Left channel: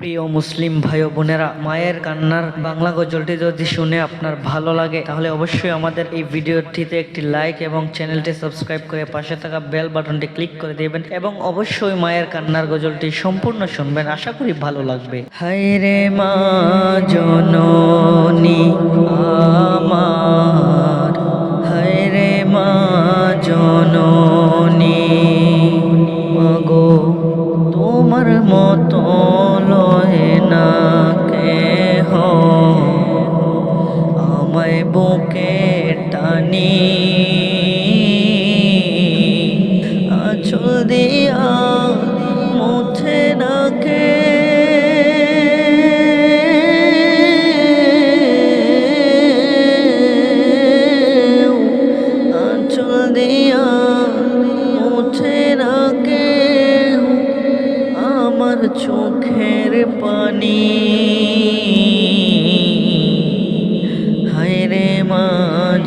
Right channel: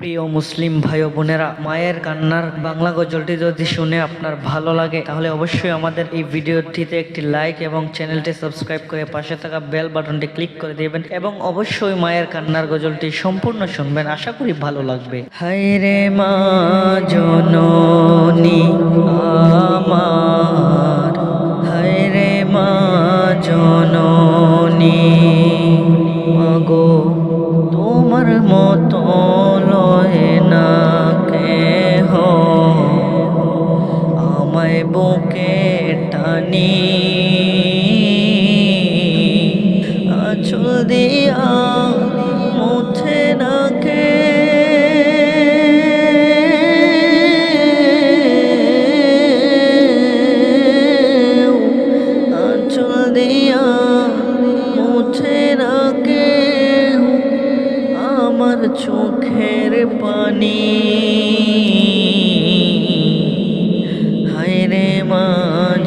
প্রিয় মুসলিম ভাই ও বোনেরা, মায়ের কান্নার বাংলা গজলটি যদি শুনে আপনার ভালো লাগে তাহলে অবশ্যই আমাদের এই ভিডিওটিতে একটি লাইক এবং চ্যানেলটি সাবস্ক্রাইব করে পাশে থাকা বেল বাটনটি ক্লিক করে দিবেন এবং অবশ্যই মায়ের কান্নার গজলটি সম্পূর্ণ শুনবেন। আশা করি ভালো লাগবে। হায়রে মা জননী আমার, হায়রে মা জননী, মাগো তোমার মতো লয় না কেহ, আমায় বুকে টানি আঁচল দিয়া মুছে না কে, আঁচল দিয়া মুছে না কে আমার চোখের পানি। হায়রে মা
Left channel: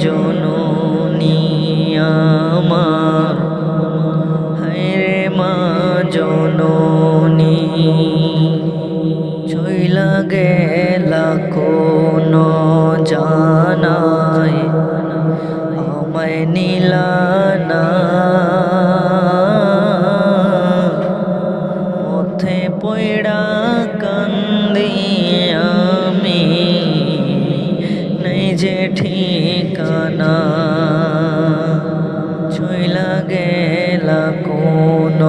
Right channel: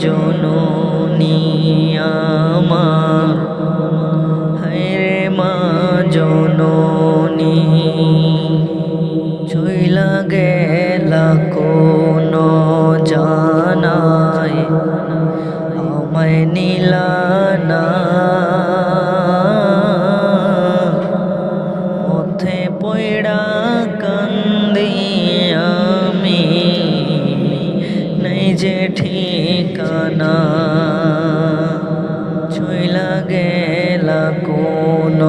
জননী আমার, হায়রে মা জননী, চইলা গেলা কোন জানায় আমায় নিলা না, পথে পয়ড়া কান্দি আমি, নাই যে ঠিকানা, চইলা গেলা কোন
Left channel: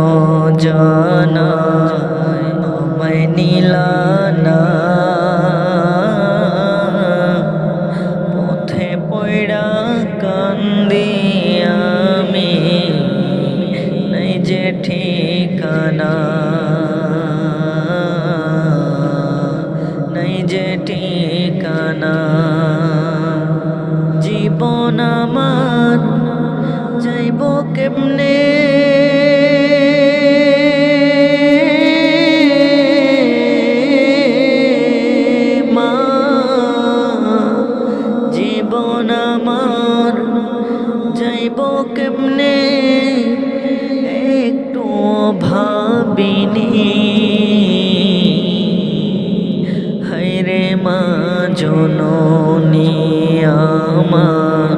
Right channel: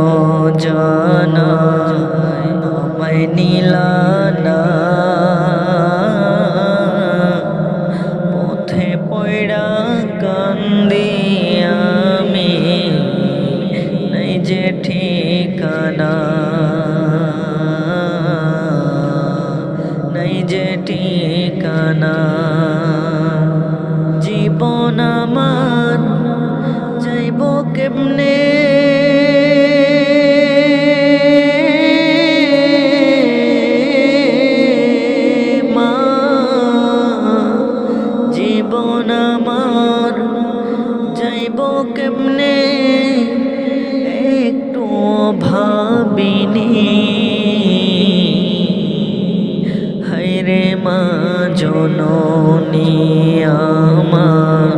জানায় আমায় নিলা না, পথে পয়ড়া কান্দি আমি, নাই যে ঠিকানা, নাই যে ঠিকানা। জীবন আমার যাইব কেমনে, মা জীবন আমার যাইব কেমনে, একটু ভাবিনি। হায়রে মা জননী আমার,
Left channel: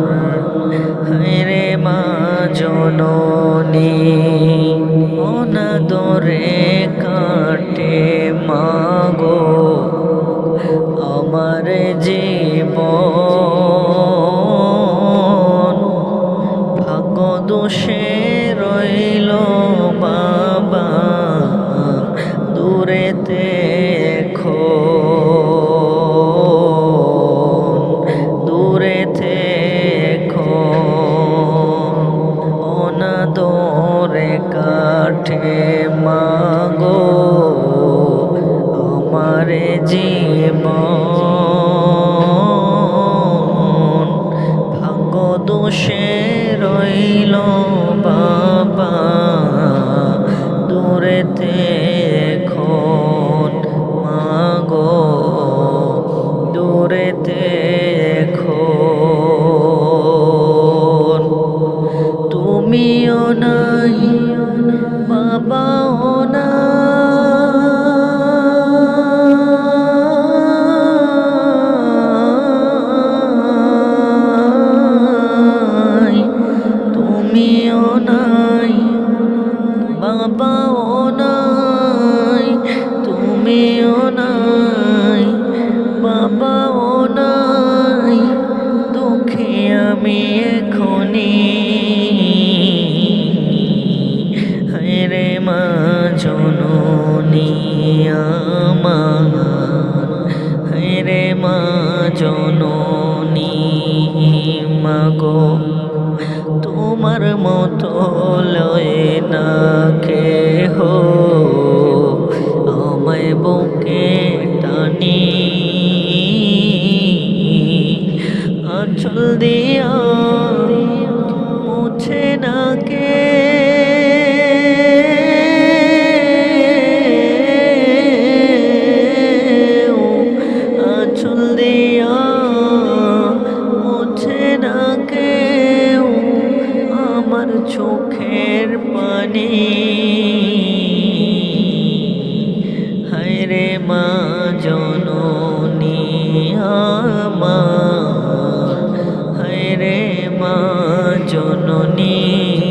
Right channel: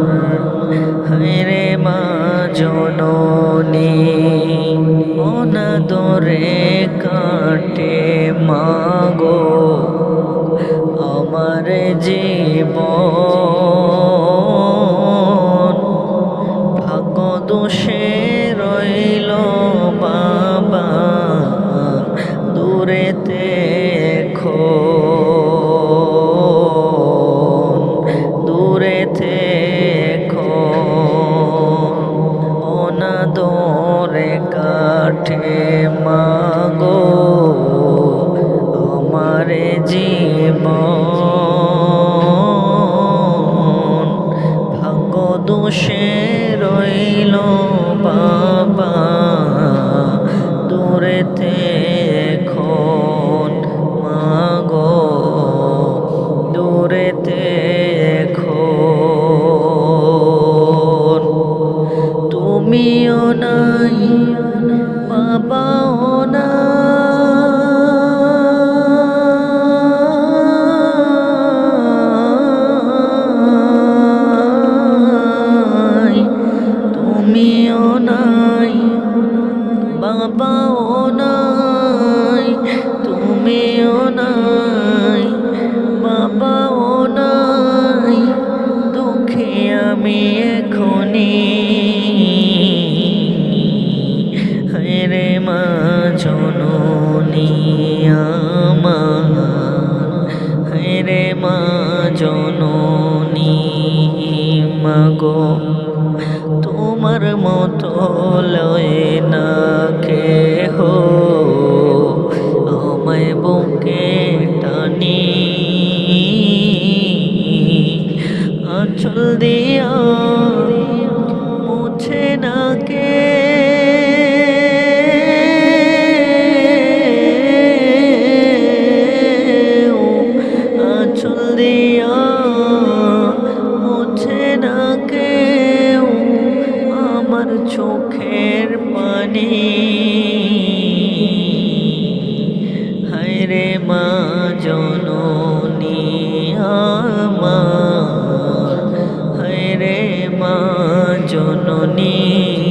হায়রে মা জননী, অনাদরে কাটে মাগো আমার জীবন, ভাগ্য দোষে রইল বাবা দূরেতে এখন, দূরেতে এখন, অনাদরে কাটে মাগো আমার জীবন, ভাগ্য দোষে রইল বাবা দূরেতে এখন, মাগো দূরেতে এখন, তুমিও নাই বাবাও নাই, তুমিও নাই বাবাও নাই, তুমিও নাই বাবাও নাই, দুঃখে আমি এখনি। হায়রে মা জননী আমার, হায়রে মা জননী, মাগো তোমার মতো লয় না কেহ, আমায় বুকে টানি আঁচল দিয়া মুছে না কে, আঁচল দিয়া মুছে না কেউ আমার চোখের পানি। হায়রে মা জননী আমার, হায় রে মা জননী